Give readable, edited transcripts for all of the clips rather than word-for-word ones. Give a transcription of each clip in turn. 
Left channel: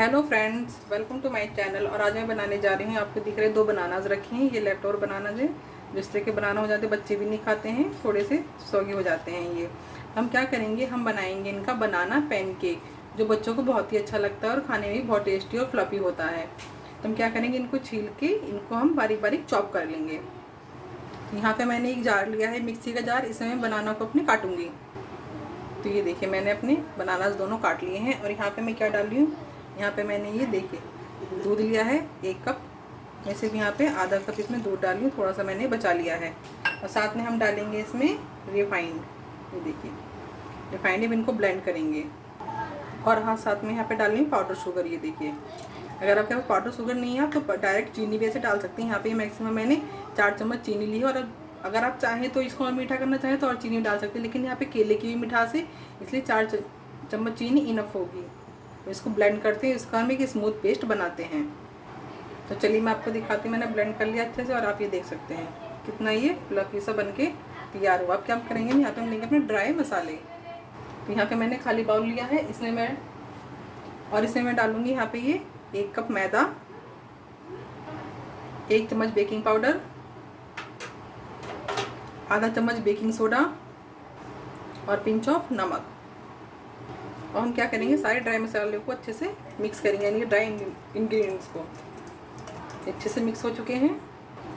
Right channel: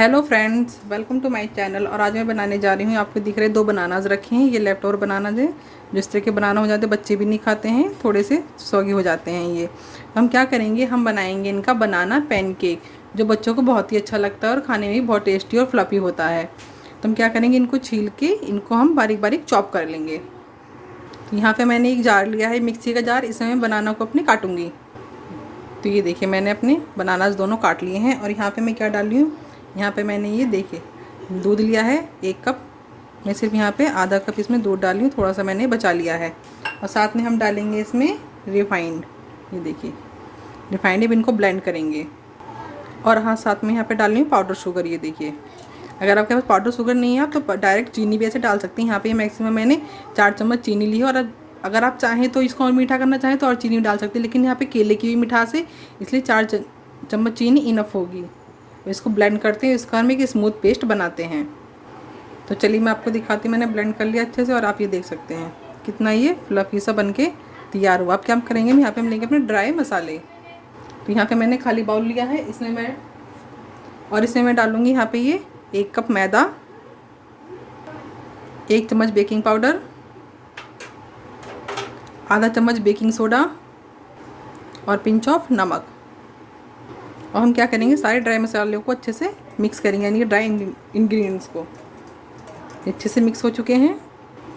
Hello friends, welcome to my channel. और आज मैं बनाने जा रही हूँ, आपको दिख रहे 2 बनानाज रखे हैं। ये लेफ्ट ओवर बनानाज है। जिस तरह के बनाना हो जाते हैं बच्चे भी नहीं खाते हैं, थोड़े से सौगे हो जाते हैं ये। हम क्या करेंगे, हम बनाएंगे इनका बनाना पैनकेक, जो बच्चों को बहुत ही अच्छा लगता है और खाने में भी बहुत टेस्टी और फ्लफी होता है। तो हम क्या करेंगे, इनको छील के इनको हम बारीक बारीक चॉप कर लेंगे। यहाँ पर मैंने एक जार लिया है, मिक्सी का जार। इसमें मैं बनाना को अपने काटूँगी। तो ये देखिए, मैंने अपने बनानास दोनों काट लिए हैं। और यहाँ पे मैं क्या डाल रही हूँ, यहाँ पे मैंने ये देखिए दूध लिया है 1 कप। मैं सिर्फ यहाँ पे आधा कप इसमें दूध डाल रही हूँ, थोड़ा सा मैंने बचा लिया है। और साथ में हम डालेंगे इसमें रिफाइंड। ये देखिए रिफाइंड, अब इनको ब्लेंड करेंगे। और हाँ, साथ में यहाँ पे डाल रही हूँ पाउडर शुगर। ये देखिए, अगर आपके पास पाउडर शुगर नहीं है आप तो डायरेक्ट चीनी भी ऐसे डाल सकते हैं। यहाँ पे मैक्सिमम मैंने 4 चम्मच चीनी ली है। और अगर आप चाहें तो इसको और मीठा करना चाहें तो और चीनी डाल सकते हैं, लेकिन यहाँ पे केले की भी मिठास है, इसलिए 4 चम्मच चीनी इनफ होगी। तो इसको ब्लेंड करते हैं, इसका हम एक स्मूथ पेस्ट बनाते हैं। तो चलिए मैं आपको दिखाती हूँ। मैंने ब्लेंड कर लिया अच्छे से और आप ये देख सकते हैं कितना ये फ्लफी सा बन के तैयार हुआ। अब क्या हम करेंगे, यहाँ पे हम लेंगे अपने ड्राई मसाले। तो यहाँ पे मैंने खाली बाउल लिया है, इसमें मैं डालूँगी यहाँ पे ये 1 कप मैदा, 1 चम्मच बेकिंग पाउडर, आधा चम्मच बेकिंग सोडा और पिंच ऑफ नमक। और हम क्या करेंगे, सारे ड्राई मसालों को अच्छे से मिक्स करेंगे, यानी कि ड्राई इंग्रेडिएंट्स को अच्छे से मिक्स हो चुके हैं।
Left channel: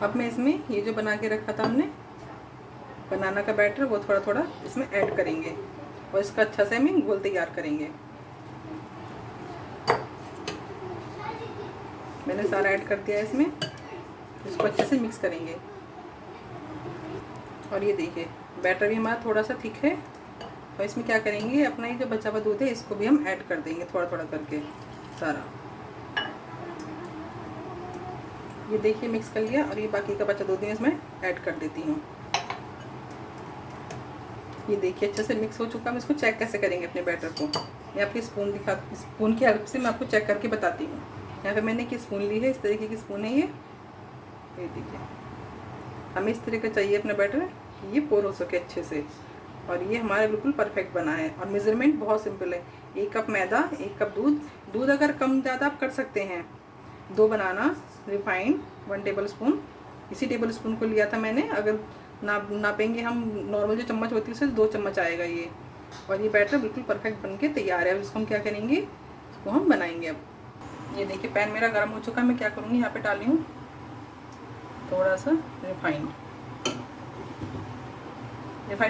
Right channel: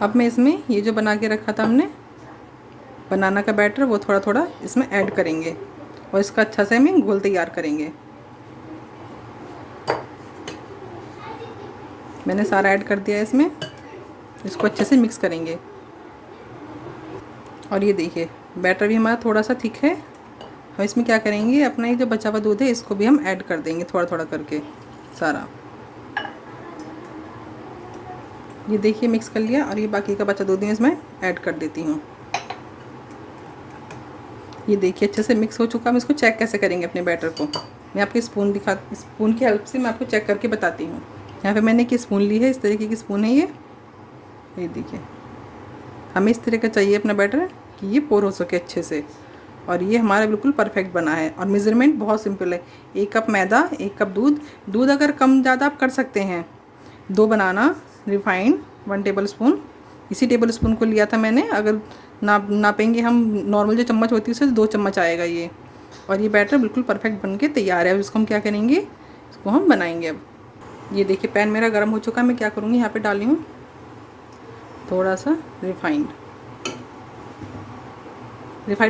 अब मैं इसमें ये जो बना के रखा था हमने बनाना का बैटर, वो थोड़ा थोड़ा इसमें ऐड करेंगे और इसका अच्छा से हमें घोल तैयार करेंगे। मैंने सारा ऐड कर दिया इसमें, इसको अच्छे से मिक्स करेंगे। और ये देखिए बैटर भी हमारा थोड़ा सा थिक है। और इसमें क्या करेंगे, अपना ये जो बचा हुआ दूध है इसको भी हम ऐड कर देंगे थोड़ा थोड़ा करके सारा। ये देखिए मिक्स कर लिया और ये बाकी का बचा दूध इसमें ऐड कर देती हूँ। ये देखिए अच्छे से मिक्स हो चुका। हम इसको चेक कैसे करेंगे अपने बैटर को, मैं आपको स्पून की हेल्प से मैं आपको चेक करके बताती हूँ। यहाँ पे मैंने एक स्पून ली है, इस तरीके की स्पून है ये देखिए। हमें इस तरह का चाहिए अपना बैटर कि ये पोर हो सके अच्छे से। और ये हमारा बिल्कुल परफेक्ट बना है। और मेज़रमेंट बहुत सिंपल है, 1 कप मैदा, 1 कप दूध अगर कम ज़्यादा आप कर सकते हैं। 2 बनाना, रिफाइंड 1 टेबल स्पून, इसी टेबल स्पून को लिया था मैंने। अगर नापेंगे हम नॉर्मल जो चम्मच होती है उससे 2 चम्मच आएगा ये। और ये बैटर बिल्कुल परफेक्ट बन के तैयार है। इसको हम क्या करेंगे, इसको हम बनाएंगे। अब ये देखिए पैन मेरा गर्म हो चुका है। मैं क्या करूँगी, यहाँ पर डाली हूँ थोड़ा सा रिफाइंड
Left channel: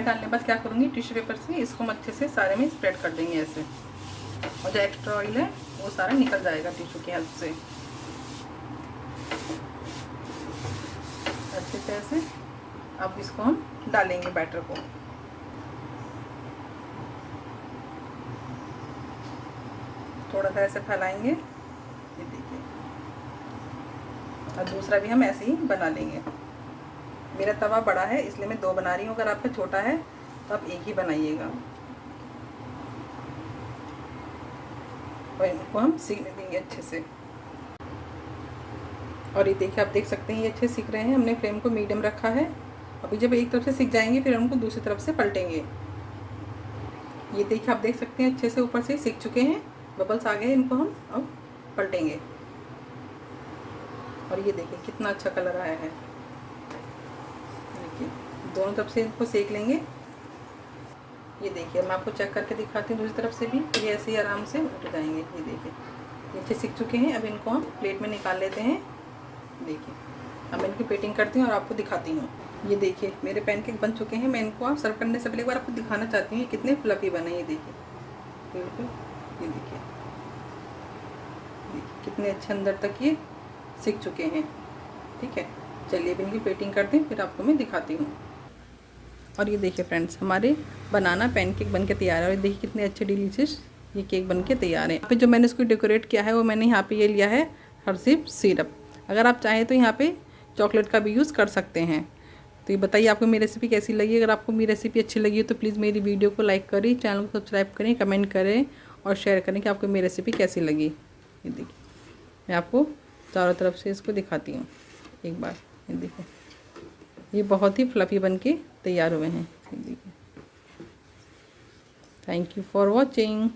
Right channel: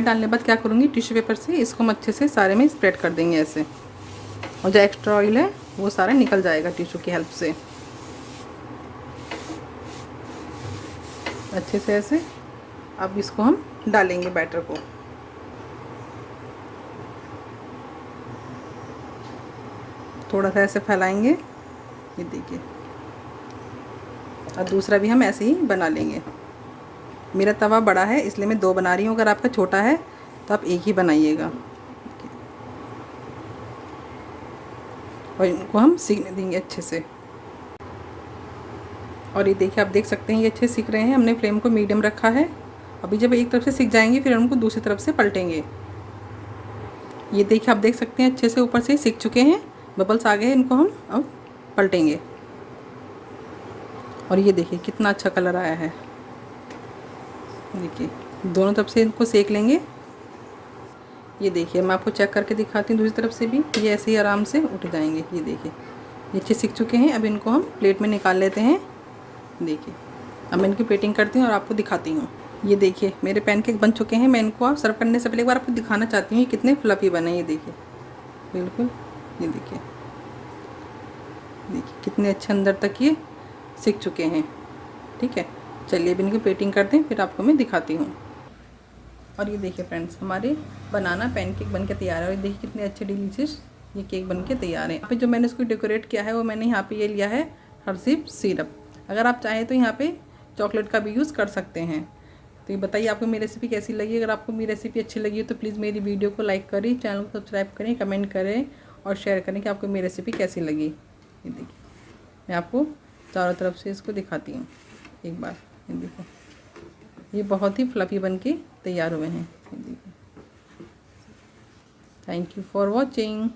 डालने के बाद क्या करूँगी, टिश्यू पेपर से इसको हम अच्छे से सारे में स्प्रेड कर देंगे ऐसे। और जो एक्स्ट्रा ऑयल है वो सारा निकल जाएगा टिश्यू की हेल्प से अच्छे से ऐसे। अब इसको हम डालेंगे बैटर को। थोड़ा सा ऐसे फैलाएंगे, ये देखिए। और दूसरा भी हम ऐसे ही बना लेंगे। मेरा तवा बड़ा है इसलिए मैं 2 बना रही हूँ, अगर आपका छोटा है तो आप 1 ही बनाइएगा। और इनको हम सीखने देंगे अच्छे से। और ये देखिए आप देख सकते हैं ये अच्छे सीख रहे हैं। हमने फ्लेम को मीडियम रखा है। अभी जब एक तरफ से सीख जाएंगे फिर उनको दूसरी तरफ से पलटेंगे। ये देखिए आप देख सकते हैं अच्छे से ऊपर से सीख चुके हैं, बबल्स आ गए हैं। इनको हम अब पलटेंगे। और ये देखिए कितना अच्छा कलर आया है। देखिए दोनों तरफ से इनको सेक लेंगे। ये देखिए मैं आपको चेक करके दिखाती हूँ दूसरी तरफ से भी, ये ऐसे ही आराम से उठ जाएंगे। ये देखिए ये अच्छे सीख चुके हैं। अब इनको हम प्लेट में निकाल लेते हैं। देखिए अब मैं इनकी प्लेटिंग करती हूँ और आपको दिखाती हूँ। ये देखिए मेरे पैनकेक बन चुके हैं। मैं इनको आप सर्व करने से पहले एक बार आपको दिखाना चाहती हूँ कितने फ्लफी बने। ये देखिए बिल्कुल, ये देखिए कितने अच्छे अंदर तक ये सीख चुके हैं। ठीक है, चलिए अब इनकी प्लेटिंग करते हैं फिर आपको मैं दिखाती हूँ। और ये देखिए फ्रेंड्स हमारे बनाना पैनकेक बन के तैयार है। और देखिए कितने अच्छे डिलीशियस ये केक बन के तैयार है। यहाँ पे जो मैंने इसको डेकोरेट किया है वो मैंने यहाँ पे ये लिया है हर्शीज सिरप। अगर आप चाहें तो यहाँ पे चॉकलेट का भी यूज़ कर सकते हैं। तो ये बताइए आपको मेरी रेसिपी कैसी लगी। अगर आपको मेरी रेसिपी अच्छी लगी हो तो प्लीज़ मेरी वीडियो को लाइक करें, चैनल को सब्सक्राइब करें, कमेंट करें और शेयर करें कि आपको मेरी रेसिपी कैसी लगी। ये देखिए मैं आपको चारों तरफ से इसको दिखाती हूँ एक बार। ये देखिए ये बहुत ही फ्लफी बन के तैयार हुए हैं। Thank you for watching.